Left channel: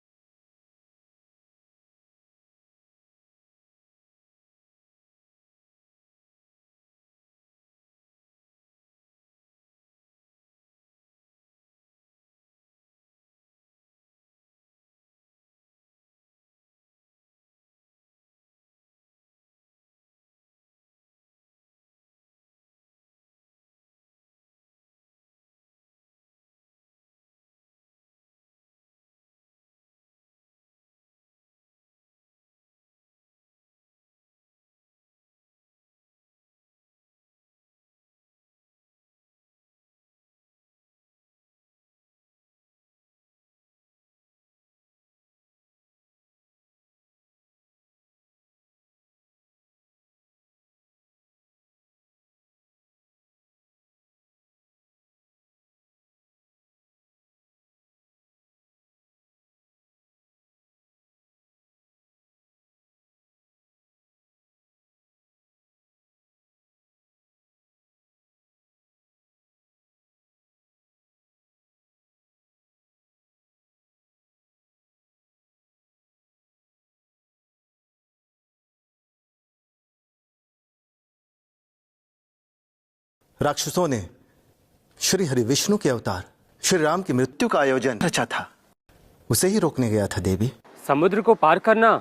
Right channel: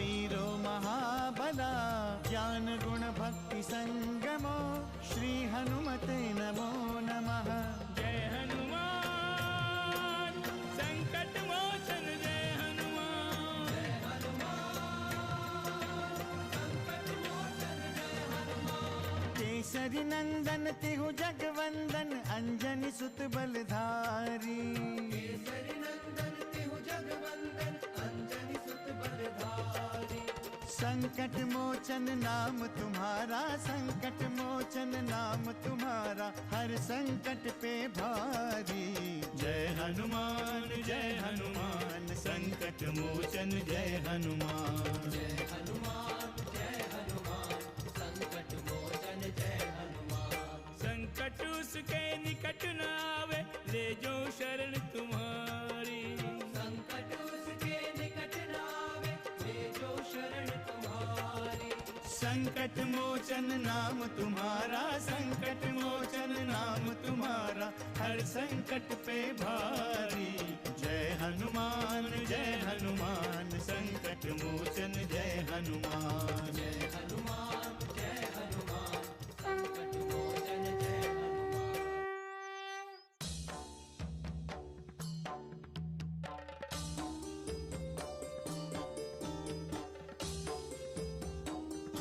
महावीरो महाबला ज्ञान गुण भक्ति संगमो श्री हनुमते नमो नमः। जय हनुमान संकट मोचन जय हनुमान। जय हनुमान केसरी नंदन तिहु जगवंदन अंजनी सुत बलधारी। केसरी नंदन तिहु जगवंदन अंजनी सुत बलधारी। संकट मोचन नाम तुम्हारा, संकट मोचन नाम तुम्हारा, हर संकट पे भारी। जय हनुमान संकट मोचन जय हनुमान। जय हनुमान संकट मोचन जय हनुमान। संकट उसके निकट न आवे ले जो शरण तुम्हारी। संकट उसके निकट न आवे ले जो शरण तुम्हारी। संकट मोचन नाम तुम्हारा, संकट मोचन नाम तुम्हारा, हर संकट पे भारी। जय हनुमान संकट मोचन जय हनुमान। जय हनुमान संकट मोचन जय हनुमान। राक्षसों ने श्री हरि विष्णु के अवतार श्री राम की मृत्यु का आयोजन रचा था, उसे ही रोकने गया था देवी। समुद्र को पार करना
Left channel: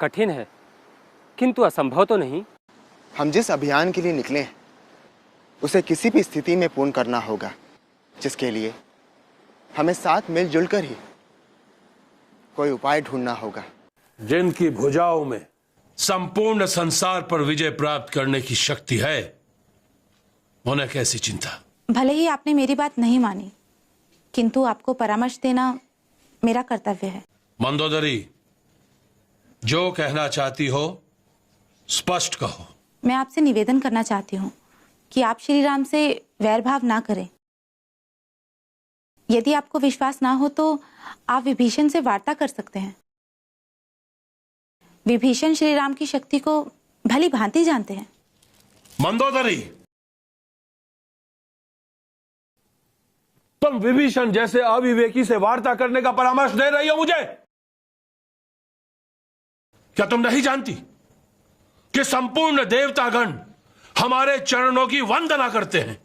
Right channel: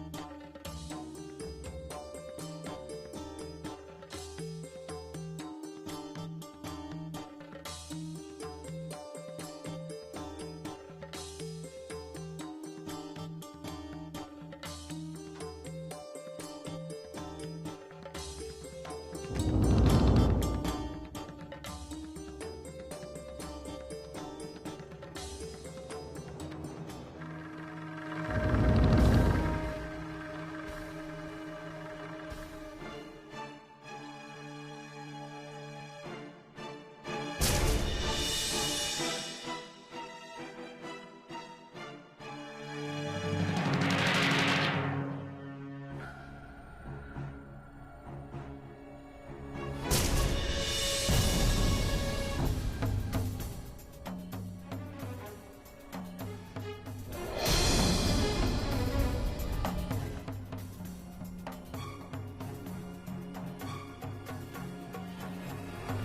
कठिन है, किंतु असंभव तो नहीं। हम जिस अभियान के लिए निकले हैं उसे किसी भी स्थिति में पूर्ण करना होगा, जिसके लिए हमें साथ मिलजुल कर ही कोई उपाय ढूंढना होगा। जिनकी भुजाओं में संपूर्ण संसार पर विजय प्राप्त करने की शक्ति है, उन्हें कैसी चिंता। भले ही आपने मेरी बात नहीं मानी, किंतु आपको परामर्श देना मेरा कर्तव्य है। मंदोदरी, जो कहना चाहती हो स्पष्ट कहो। मैं आपसे निवेदन करना चाहती हूँ कि आप श्री राम से वैर भाव ना करें। यदि आपको विश्वास ना हो तो आप विभीषण से वार्ता कर सकते हैं। विभीषण श्री राम की शक्ति को भली भांति जानते हैं। मंदोदरी, तुम विभीषण जैसे अविवेकी से वार्ता करने का परामर्श दे रही हो मुझे? क्या तुम नहीं जानती कि संपूर्ण देवतागण हमारे चरणों की वंदना करते हैं?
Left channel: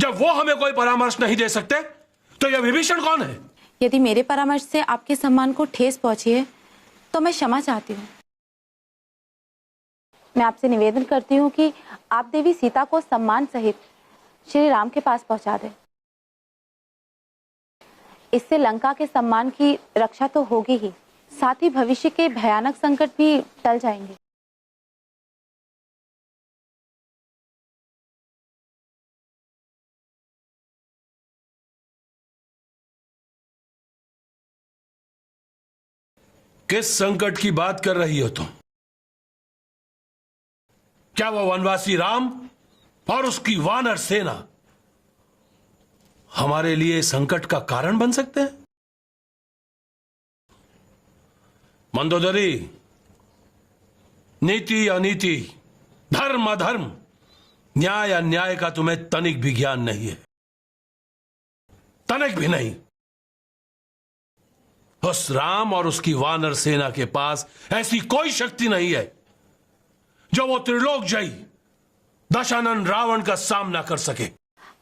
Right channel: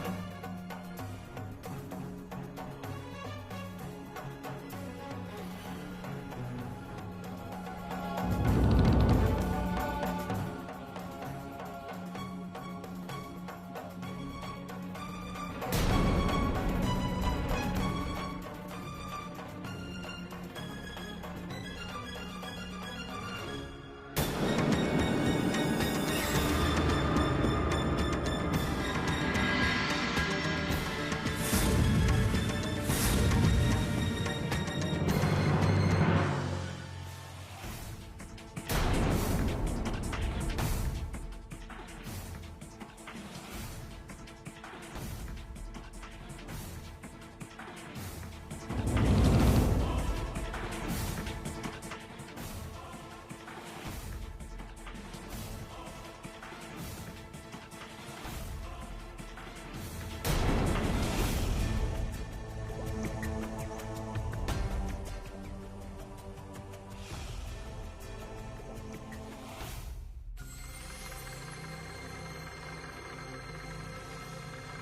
जब वो हमें कोई परामर्श नहीं दे सकते तो यह विभीषण कौन है? यदि मेरे परामर्श से आपके सम्मान को ठेस पहुंची है तो मैं क्षमा चाहती हूँ। मैं आपसे निवेदन करती हूँ कि आप देवी सीता को सम्मान सहित श्री राम के पास पहुंचा दें। इससे लंका के सम्मान की रक्षा तो होगी ही, साथ ही भविष्य के भयानक संकट भी टल जाएंगे। किस संकट की बात कर रही हो तुम? क्या वो वनवासी राम और उसकी वानर सेना हमारे लिए संकट का कारण बन सकते हैं? मंदोदरी, नीति अनीति, धर्म अधर्म, न्याय अन्याय का तुम्हें तनिक भी ज्ञान नहीं है, तनिक भी नहीं। उस राम और उसकी वानर सेना के पास ऐसी कोई शक्ति नहीं है जो वो त्रिलोक जयी दशानन रावण का सामना कर सके।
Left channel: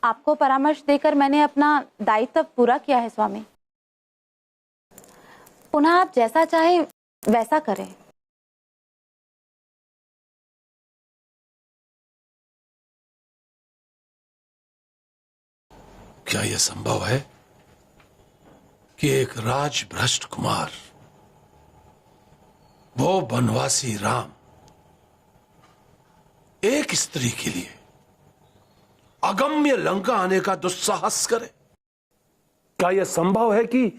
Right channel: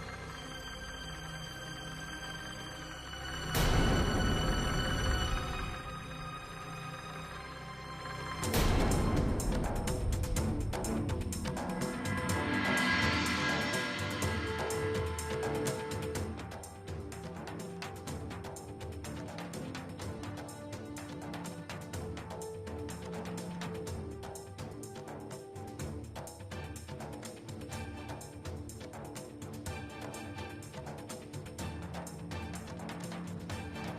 आपको परामर्श देकर मैंने अपना दायित्व पूरा किया है स्वामी। पुनः आप जैसा चाहे वैसा करें। क्या यह संभव है कि एक राजभ्रष्ट कुमार, वो वनवासी राम, एक स्त्री के लिए अगम्य लंका आने का दुस्साहस करे? क्या यह संभव है कि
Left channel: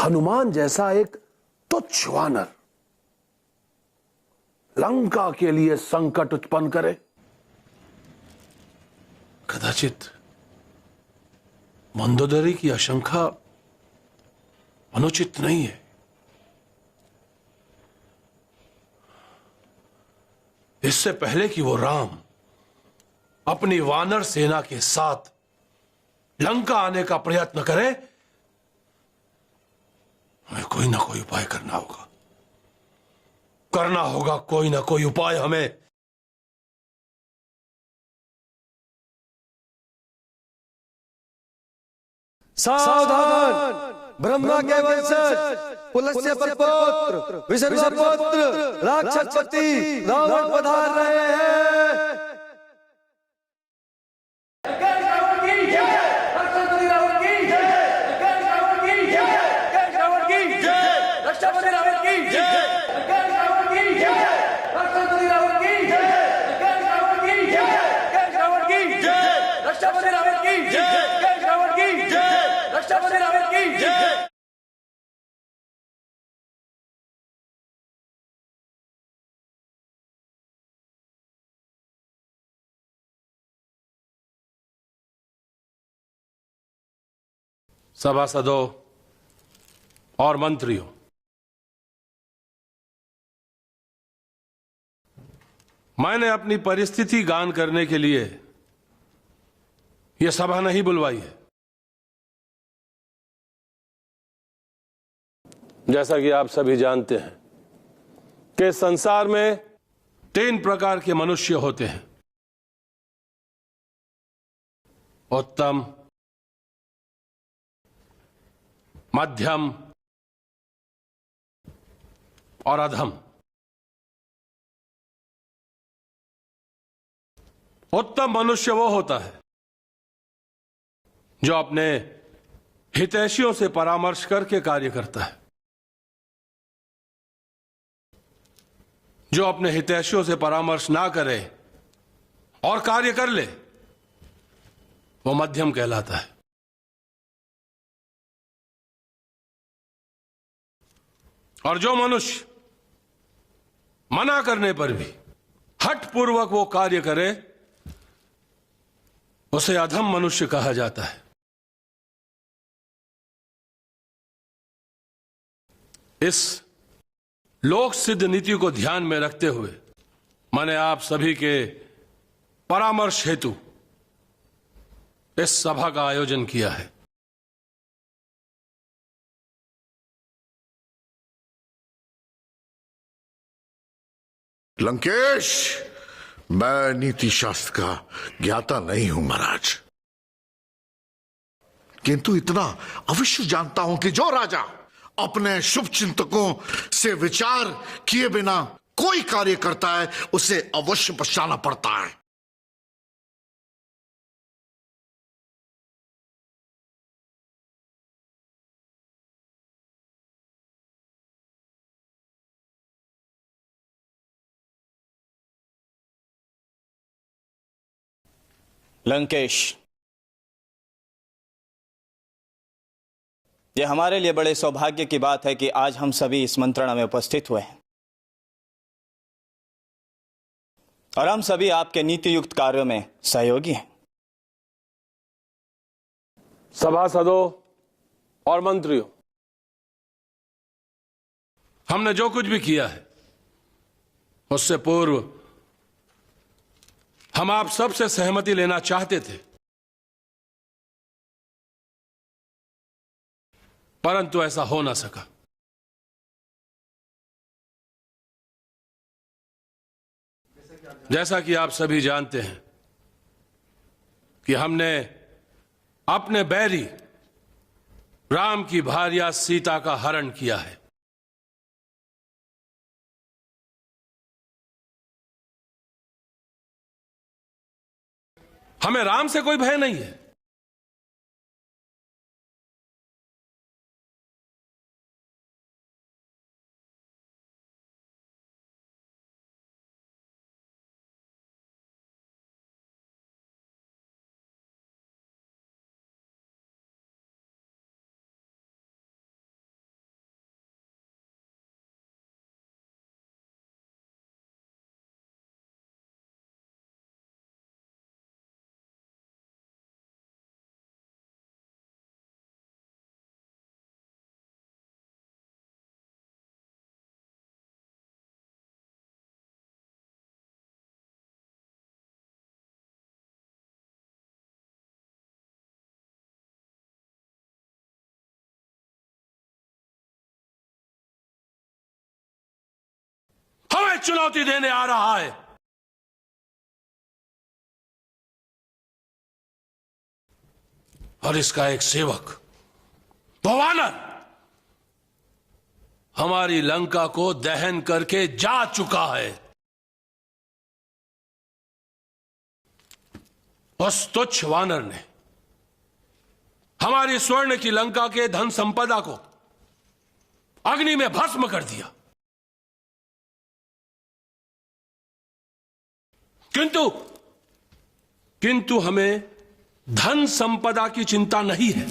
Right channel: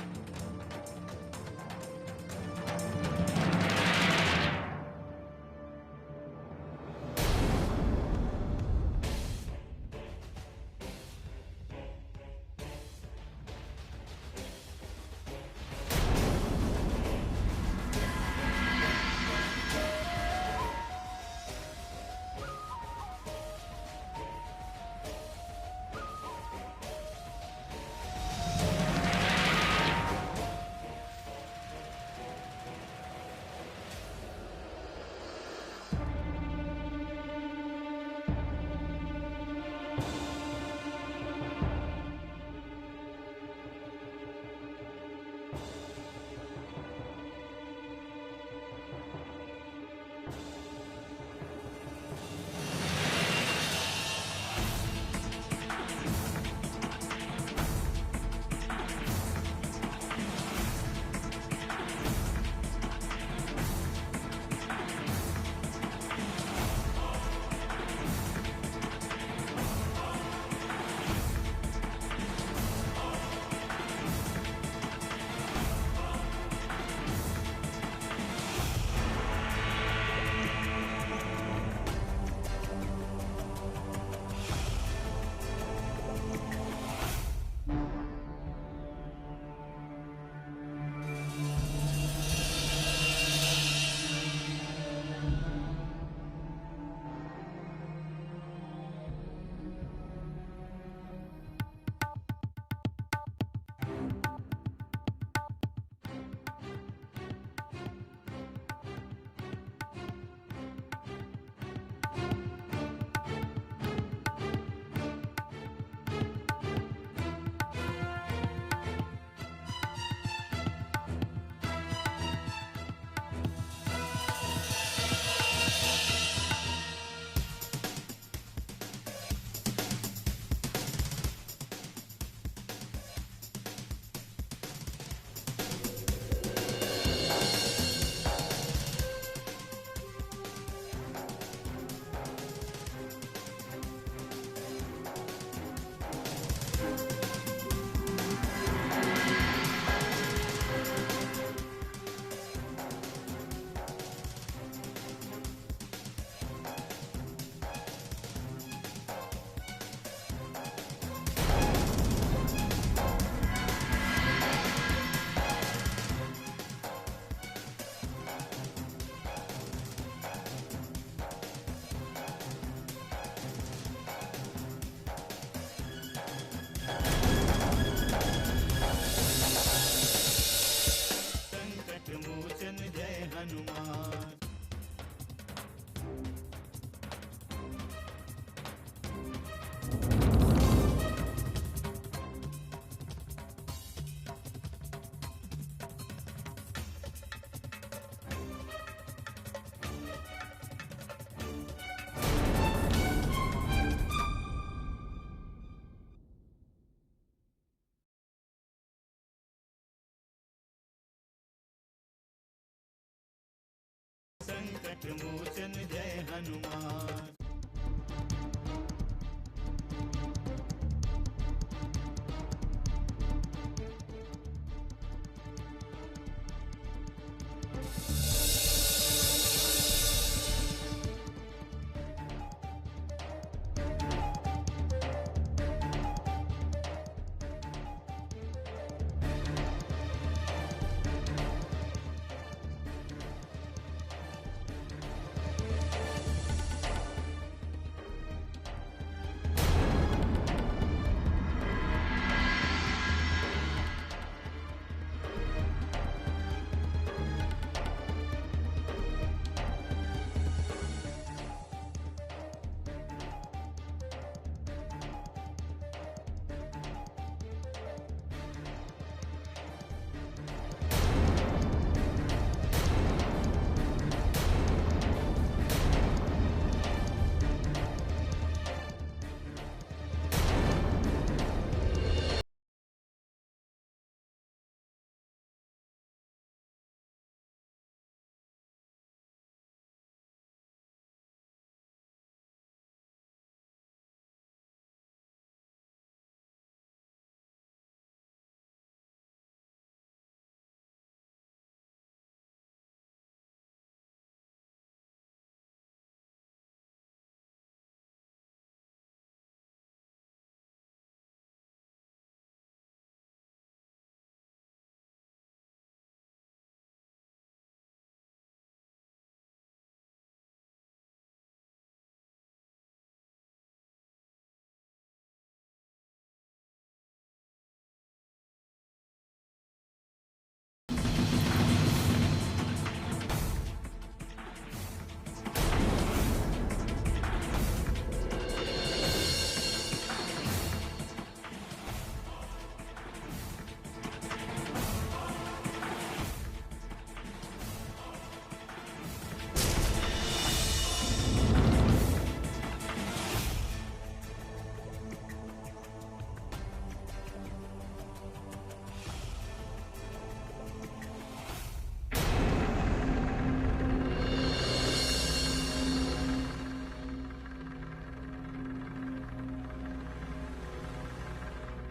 हनुमान जैसा एक तुच्छ वानर लंका के लिए संकट उत्पन्न करे? कदाचित मंदोदरी की आशंका अनुचित नहीं है। इससे पहले कि वो राम अपनी वानर सेना के साथ लंका आने का प्रयत्न करे, हमें कोई ना कोई उपाय करना होगा, कोई ना कोई उपाय हमें। सावधान! ब्रह्मा के वंशज पुलस्त्य पुत्र विसर्जपुत्र राक्षसपति रावण पधार रहे हैं। सभासदों और मंत्रियों, मैंने अपनी परिस्थिति गान करने के लिए यह सभा नहीं बुलवाई है। जैसा कि आप सभी जानते हैं कि संसार में 3 प्रकार के मनुष्य होते हैं: उत्तम, मध्यम और अधम। उत्तम मनुष्य वो होता है जो अपने हितैषियों से परामर्श करके कार्य करता है। जो अपने हितैषियों से परामर्श ना करे और कार्य कर ले, वो मध्यम कहलाता है। और जो मनुष्य मना करने पर भी हठपूर्वक वो कार्य करे, उसे अधम मनुष्य कहा जाता है। इस लोक सिद्ध नीति को ध्यान में रखते हुए मैंने आप सभी के परामर्श हेतु इस सभा का आयोजन किया है। लंकेश, मैं नीति शास्त्र का ज्ञाता नहीं हूं महाराज, किंतु इतना अवश्य जानता हूं कि जो राजा अपने शुभ चिंतकों से विचार किए बिना कोई कार्य करता है, उसे अवश्य पछताना पड़ता है। लंकेश, ये हमारे लिए बड़े सौभाग्य की बात है कि आज हम सभी इस मंत्रणा में उपस्थित हुए हैं और हम सभी आपके नीति युक्त कार्यों में सहयोगी हैं। सभासदों और मंत्रियों, हमने जो कुछ भी किया है उससे पूर्व हम आप सबसे सहमति लेना चाहते थे, परंतु ऐसा हो ना सका। जैसा कि आप सभी जानते हैं कि हमने अपने बैरी राम की भार्या सीता का हरण किया है। हमें राम से कोई भय नहीं है। चुनौती देने आ रहा है। और इसका एक सेवक, वो वानर, हमारी लंका को दहन करके जा चुका है। उस तुच्छ वानर ने हमारी स्वर्ण की लंका के धन संपदा को अग्नि में भस्म कर दिया। किंतु हमें धन संपदा की चिंता नहीं है।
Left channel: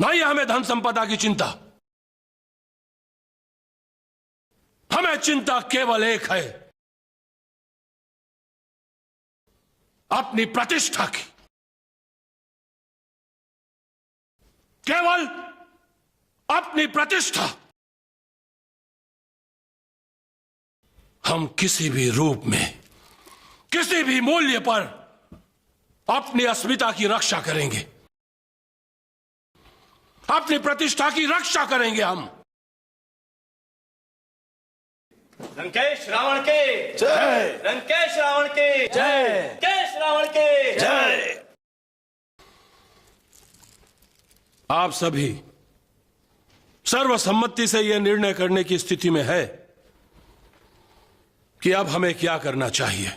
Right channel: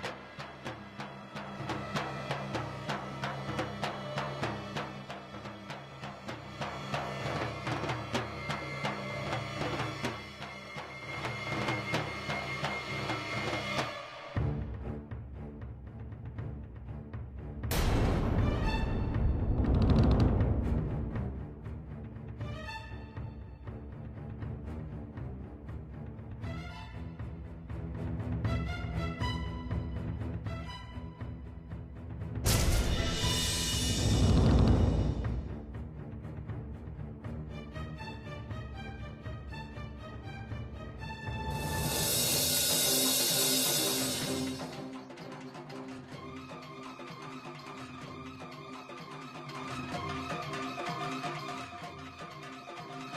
नहीं हमें धन संपदा की चिंता। हमें चिंता केवल एक है, अपनी प्रतिष्ठा की। केवल अपनी प्रतिष्ठा। हम किसी भी रूप में, किसी भी मूल्य पर अपनी अस्मिता की रक्षा करेंगे, अपनी प्रतिष्ठा की रक्षा करेंगे हम। लंकेश रावण के जय। लंकेश रावण के जय। लंकेश रावण के जय। आप सभी सर्वसम्मति से यह निर्णय करने की स्थिति में है कि अब हमें क्या करना चाहिए।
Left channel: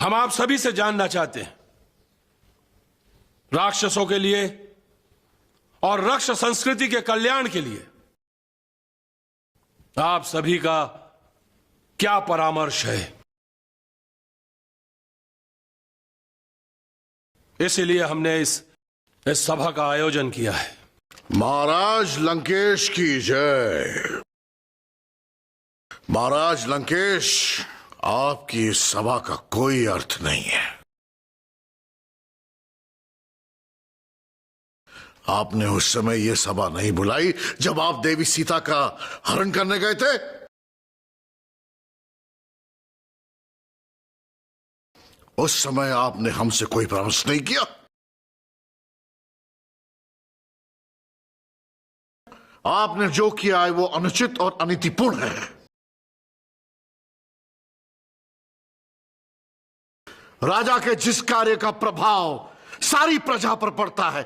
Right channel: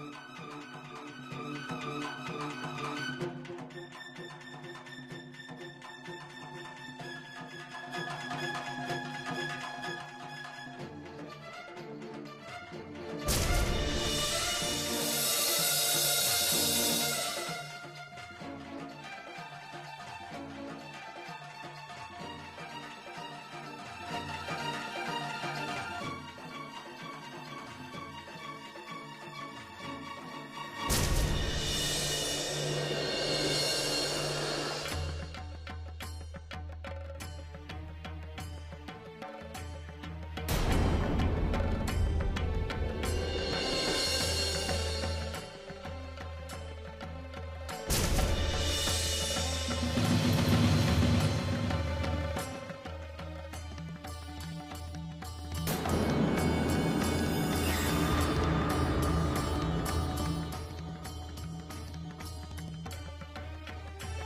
हम आप सभी से जानना चाहते हैं, राक्षसों के लिए और राक्षस संस्कृति के कल्याण के लिए आप सभी का क्या परामर्श है। इसीलिए हमने इस सभा का आयोजन किया है। महाराज लंकेश की जय। महाराज लंकेश, आपकी इस सभा का कोई अर्थ नहीं है। आपने उस समय यह सभा नहीं बुलाई जब आप देवी सीता का हरण करने गए थे। उस समय आपने हमसे कोई परामर्श नहीं किया। आपने जो किया है वो अनुचित और अनीतिपूर्ण है। राजा के जिस कार्य का प्रभाव सारी प्रजा पर पड़ता है,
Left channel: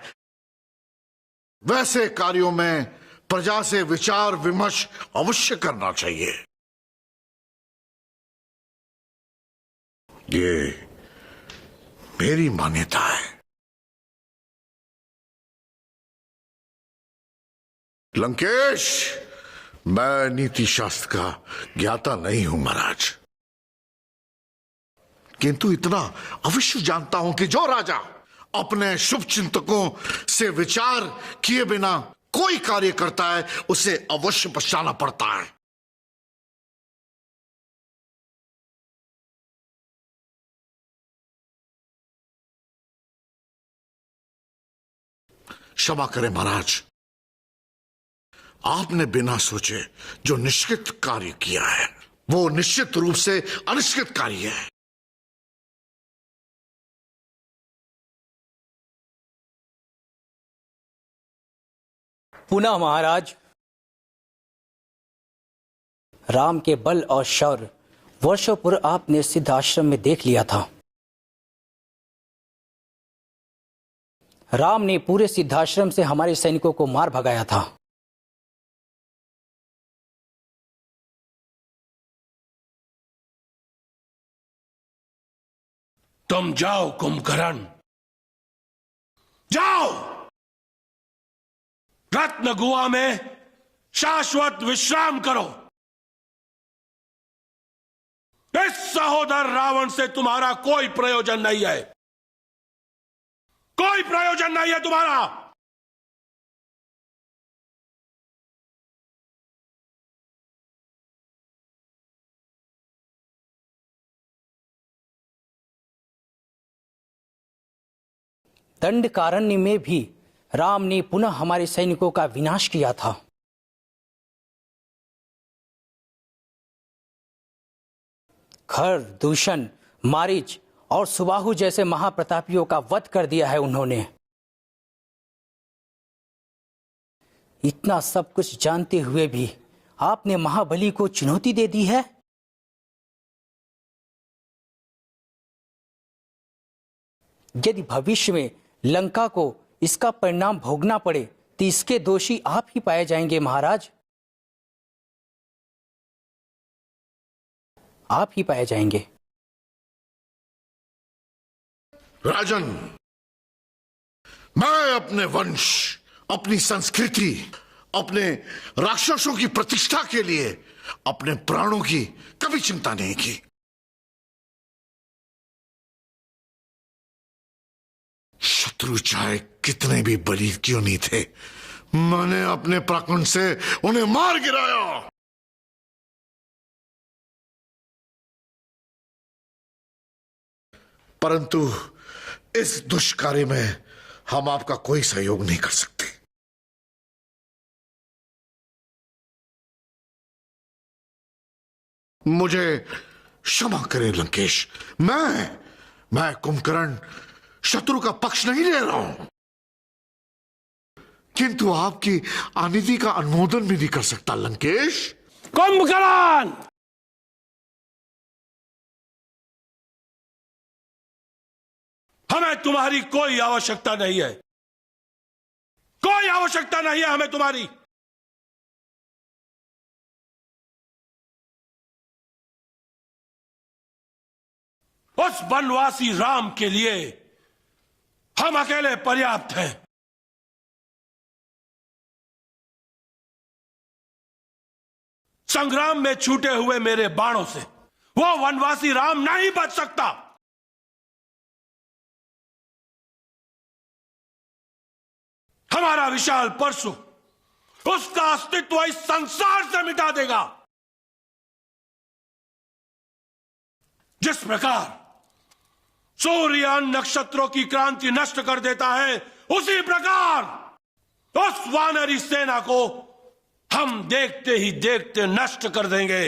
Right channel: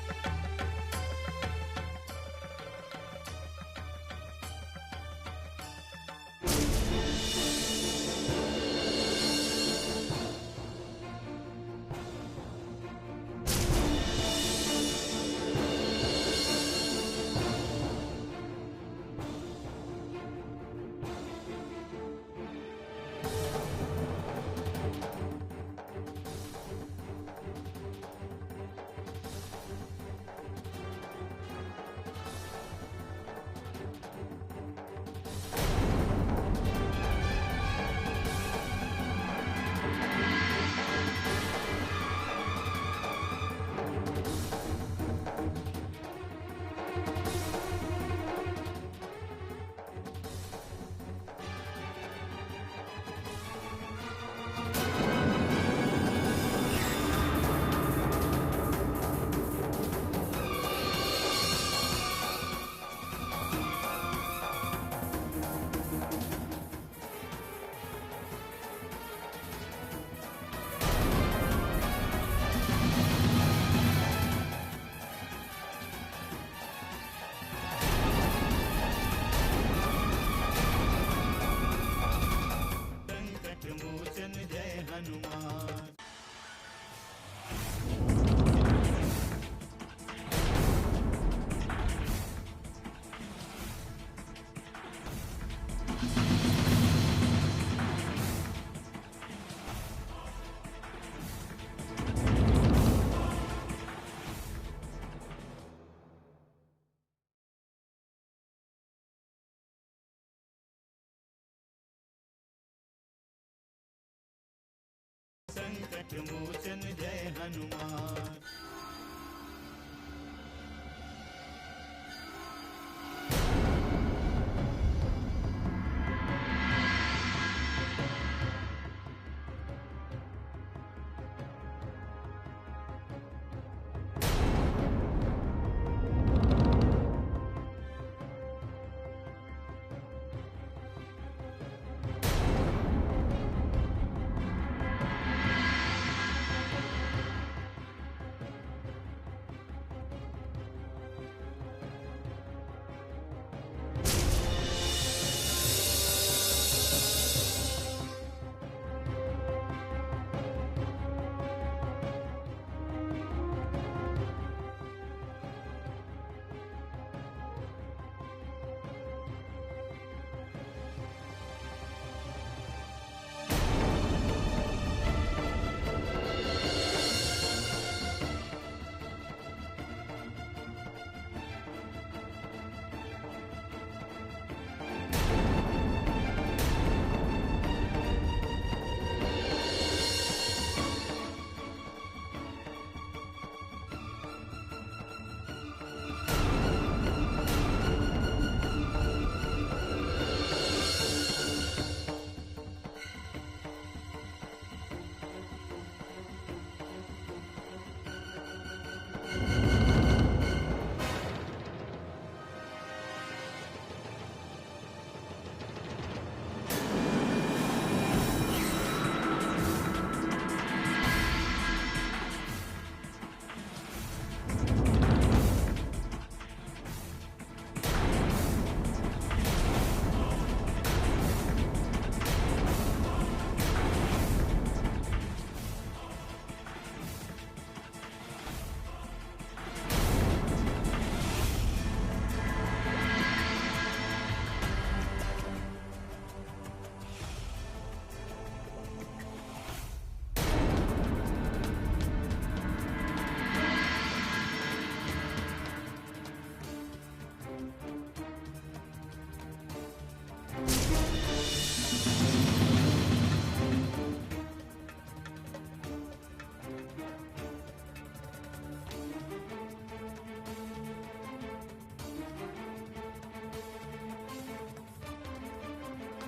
वैसे कार्यों में प्रजा से विचार विमर्श अवश्य करना चाहिए। ये मेरी मान्यता है। लंकेश, मैं नीति शास्त्र का ज्ञाता नहीं हूं महाराज, किंतु इतना अवश्य जानता हूं कि जो राजा अपने शुभ चिंतकों से विचार किए बिना कोई कार्य करता है, उसे अवश्य पछताना पड़ता है। क्षमा करें महाराज, आपने बिना सोचे जो निश्चित कार्य किया है वो निश्चित रूप से अनिश्चित कार्य है। पुनः महाराज, राम के बल और शौर्य वर्षों पूर्व आपने सिद्ध आश्रम में देख लिया था। राम ने पूरे सिद्धाश्रम से हमारे सैनिकों को मार भगाया था। तुम जाओ कुंभकर्ण, जाओ रत्न गुहा में शाश्वत विश्राम करो। इस सहोदर रावण से तुम्हारा कोई प्रयोजन नहीं है, कोई प्रयोजन नहीं है तुम्हारा। दंडकारण्य में भी राम ने पुनः हमारे सैनिकों का विनाश किया था। खर, दूषण, मारीच और सुबाहु जैसे महाप्रतापियों का वध कर दिया है उन्होंने। इतना सब कुछ जानते हुए भी आपने महाबली को चुनौती दे दी है। यदि भविष्य में लंका को इसका परिणाम भोगना पड़े तो इसके दोषी आप ही पाए जाएंगे महाराज, आप ही पाए जाएंगे। राजन, मैं अपने वंश, अपनी संस्कृति, अपने राक्षसों की प्रतिष्ठा के लिए अपने प्राणों की कभी चिंता नहीं की। शत्रु चाहे कितने भी बली क्यों नहीं थे, मैंने अपने पराक्रम से उन्हें मार गिराया। परंतु इस दुष्कार्य में हम आपका कोई सहयोग नहीं कर सकते। मुझे क्षमा करें लंकेश, मैं कुंभकर्ण शत्रु का पक्ष नहीं ले रहा हूं, किंतु आपकी अनिति का अनुमोदन भी नहीं कर सकता लंकेश। कुंभकर्ण, हमें तुम्हारी कोई आवश्यकता नहीं है, कोई आवश्यकता नहीं है हमें तुम्हारी। उस वनवासी राम के लिए हम अकेले पर्याप्त हैं। संग्राम में छूटे हुए मेरे बाणों से वो वनवासी राम नहीं बच सकता। हमारा विशाल परशु उसका अस्तित्व इस संसार से मिटा देगा। जिस प्रकार सूर्य नक्षत्रों की क्रांति नष्ट कर देता है, उसी प्रकार उस वानरी सेना को हम देखते ही देखते नष्ट कर देंगे।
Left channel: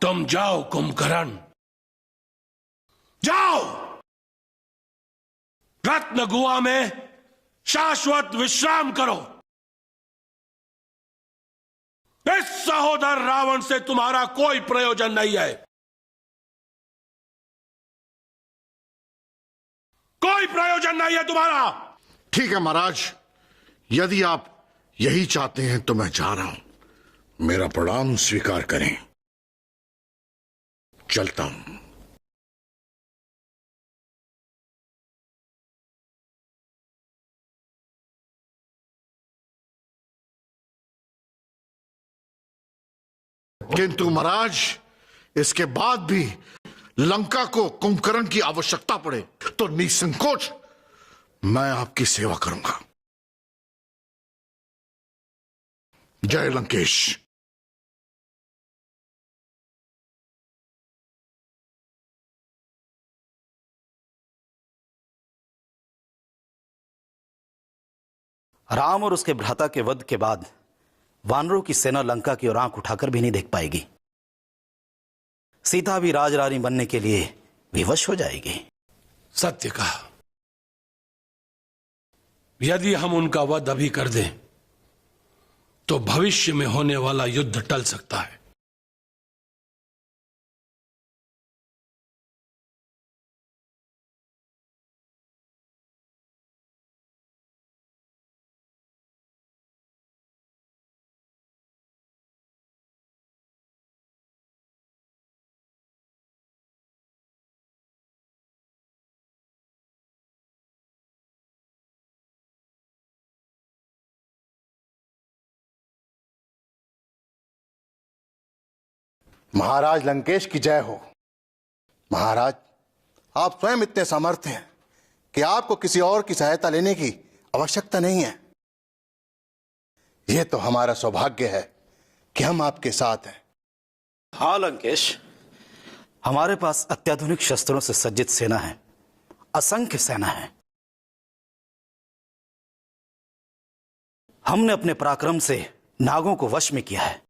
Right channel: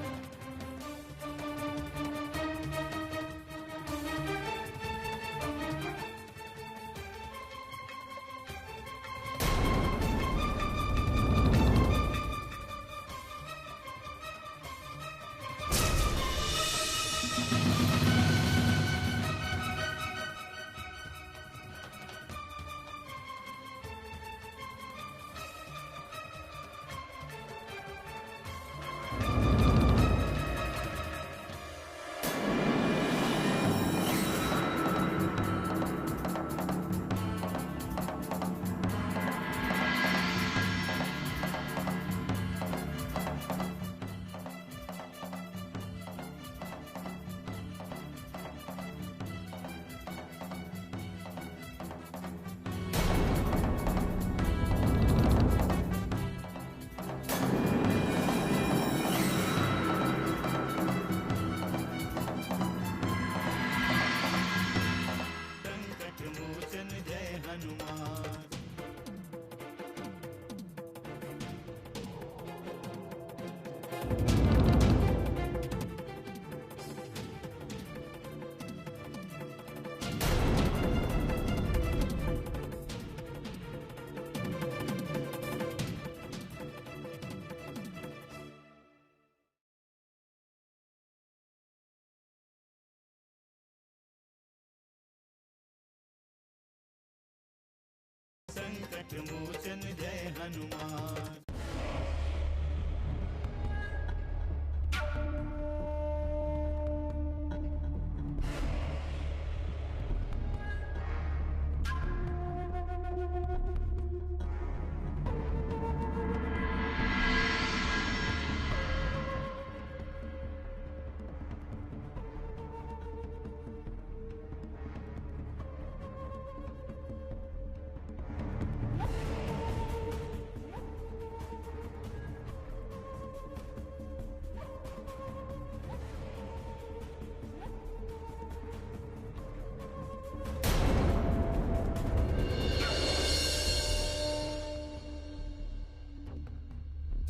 तुम जाओ कुंभकर्ण, जाओ रत्न गुहा में शाश्वत विश्राम करो। इस सहोदर रावण से तुम्हारा कोई प्रयोजन नहीं है, कोई प्रयोजन नहीं है तुम्हारा। ठीक है महाराज, यदि आप यही चाहते हैं तो मैं जा रहा हूं। मेरा प्रणाम स्वीकार करें, चलता हूं। किंतु महाराज, इसके बाद भी लंका को कुंभकर्ण की आवश्यकता पड़े तो निसंकोच मैं आपकी सेवा करूंगा। जय लंकेश। राम और उसके भ्राता के वध के बाद वानरों की सेना लंका की ओर आंख उठाकर भी नहीं देख पाएगी। सीता भी राजरानी बनने के लिए विवश हो जाएगी। सत्य कहा। यदि हम उनका वध अभी कर दें तो भविष्य में होने वाला युद्ध टल सकता है। संकट मोचन जय हनुमान। महाराज लंकेश की जय हो। महाराज, आप स्वयं इतने समर्थ हैं कि आपको किसी और की सहायता लेने की आवश्यकता नहीं है। यह तो हमारा सौभाग्य है कि हम आपके साथ हैं। हाँ लंकेश, हमारे पास अत्याधुनिक शस्त्रों से सज्जित सेना है, असंख्य सेना है। हमने अपने पराक्रम से नागों को वश में किया है।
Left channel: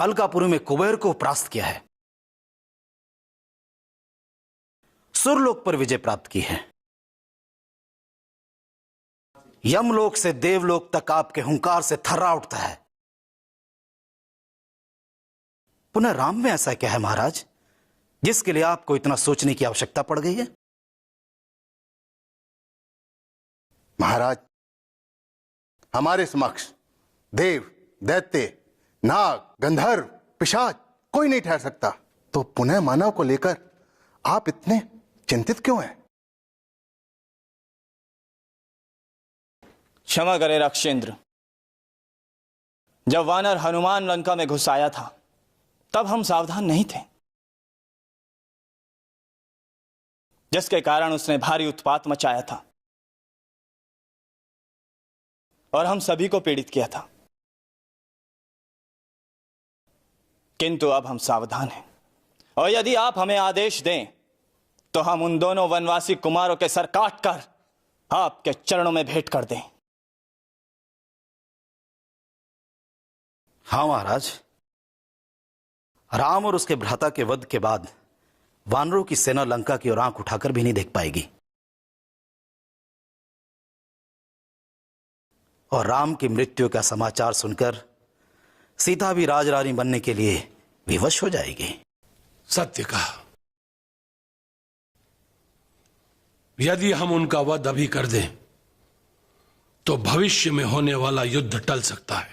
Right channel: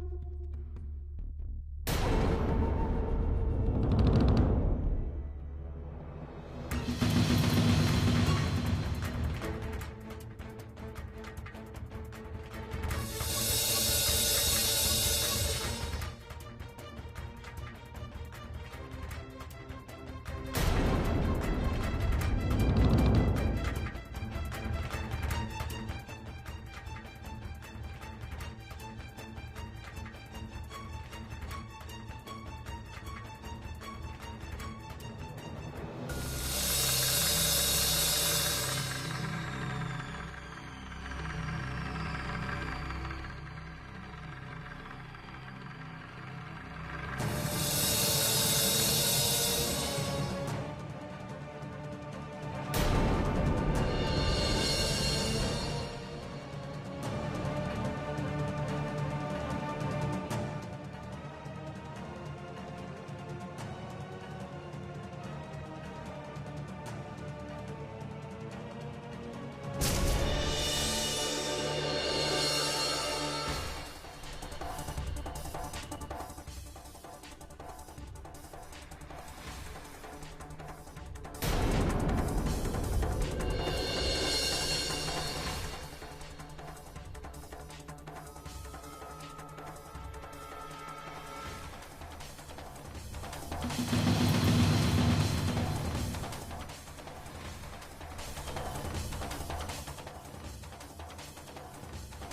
अलकापुरी में कुबेर को परास्त किया है। सुरलोक पर विजय प्राप्त की है। यमलोक से देवलोक तक आपके हुंकार से थर्रा उठता है। पुनः राम में ऐसा क्या है महाराज जिसके लिए आपको इतना सोचने की आवश्यकता पड़ गई है? महाराज, हमारे समक्ष देव, दैत्य, नाग, गंधर्व, पिशाच कोई नहीं ठहर सकता, तो पुनः मानव को लेकर आप इतने चिंतित क्यों हैं? क्षमा करे रक्षेंद्र, जब वानर हनुमान लंका में घुस आया था तब हम सावधान नहीं थे, जिसके कारण उसने भारी उत्पात मचाया था और हम सभी को पीड़ित किया था। किंतु अब हम सावधान हैं और यदि आप हमें आदेश दें तो हम उन दोनों वनवासी कुमारों के सर काटकर आपके चरणों में भेंट कर दें। हाँ महाराज, राम और उसके भ्राता के वध के बाद वानरों की सेना लंका की ओर आंख उठाकर भी नहीं देख पाएगी और राम की मृत्यु का समाचार सुनकर सीता भी राजरानी बनने के लिए विवश हो जाएगी। सत्य कहा। यदि हम उनका वध अभी कर दें तो भविष्य में होने वाला युद्ध टल सकता है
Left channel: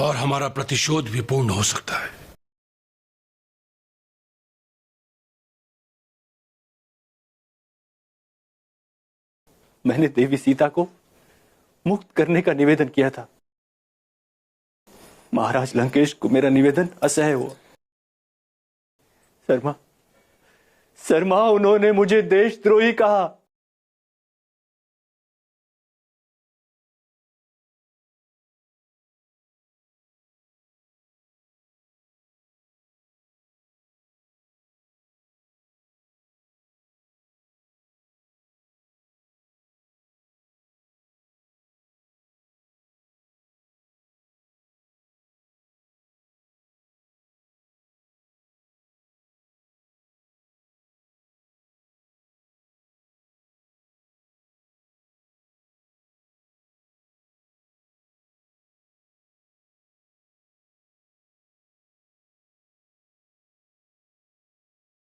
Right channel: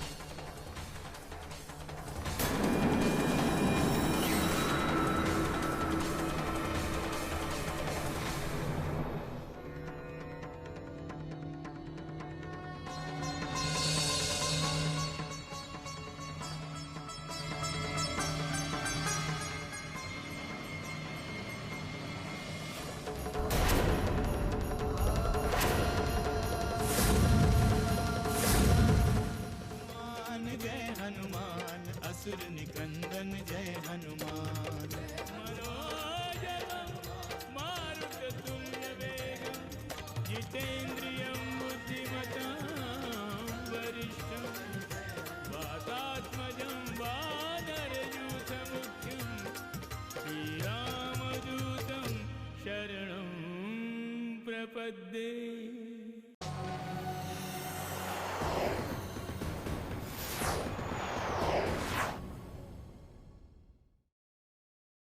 और हमारा प्रतिशोध भी पूर्ण हो सकता है। मैंने देवी सीता को मुक्त करने का निवेदन किया था। महाराज लंकेश को मेरा निवेदन असह्य हुआ। शर्मा उन्होंने मुझे देशद्रोही कहा। जय हनुमान असुर निकंदन जय हनुमान मारुततुल्य वेगं जितेन्द्रियं बुद्धिमतां वरिष्ठं वातात्मजं वानरयूथमुख्यं श्रीरामदूतं शरणं प्रपद्ये।